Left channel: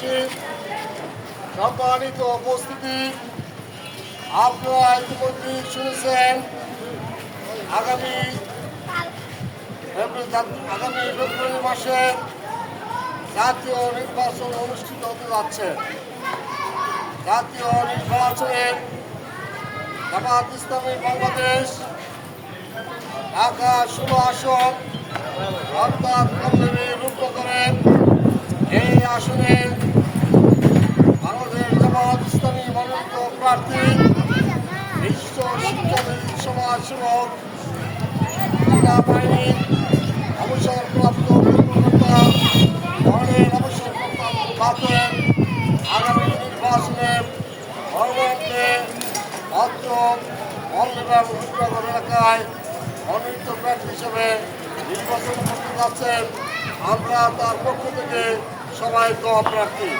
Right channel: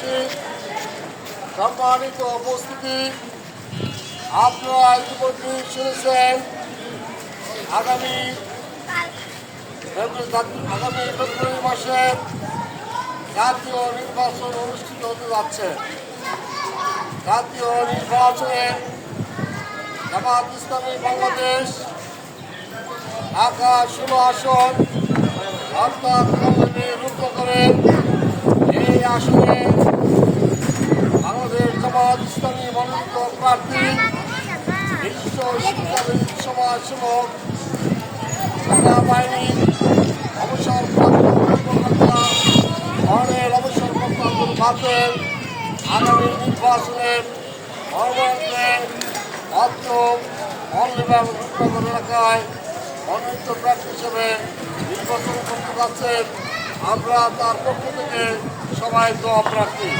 এলাকাবাসী সম্মানিত উপস্থিতি, আপনারা ইতিমধ্যে শুনেছেন, আগামী আগামী ফেব্রুয়ারি মাসে জাতীয় নির্বাচন অনুষ্ঠিত হতে যাচ্ছে। জাতীয় নির্বাচনে জামাত ইসলামী বাংলাদেশ, ঢাকা ষোলো আসন অর্থাৎ রুগ্ন করে এই আসনে জামাত মনোনীত প্রার্থী বিশিষ্ট শিক্ষাবিদ সমাজসেবক সেনাবাহিনীর অবসরপ্রাপ্ত কর্মকর্তা, মহানের অবসরপ্রাপ্ত আব্দুল বাতেন আগামী নির্বাচনে মহানগরে অত্র মল্লিবাগ রূপনগর এলাকায় মনোনীত প্রার্থী হিসেবে নির্বাচন করতে যাচ্ছেন। আমরা তার পক্ষ থেকে সবাই দোয়া প্রার্থী।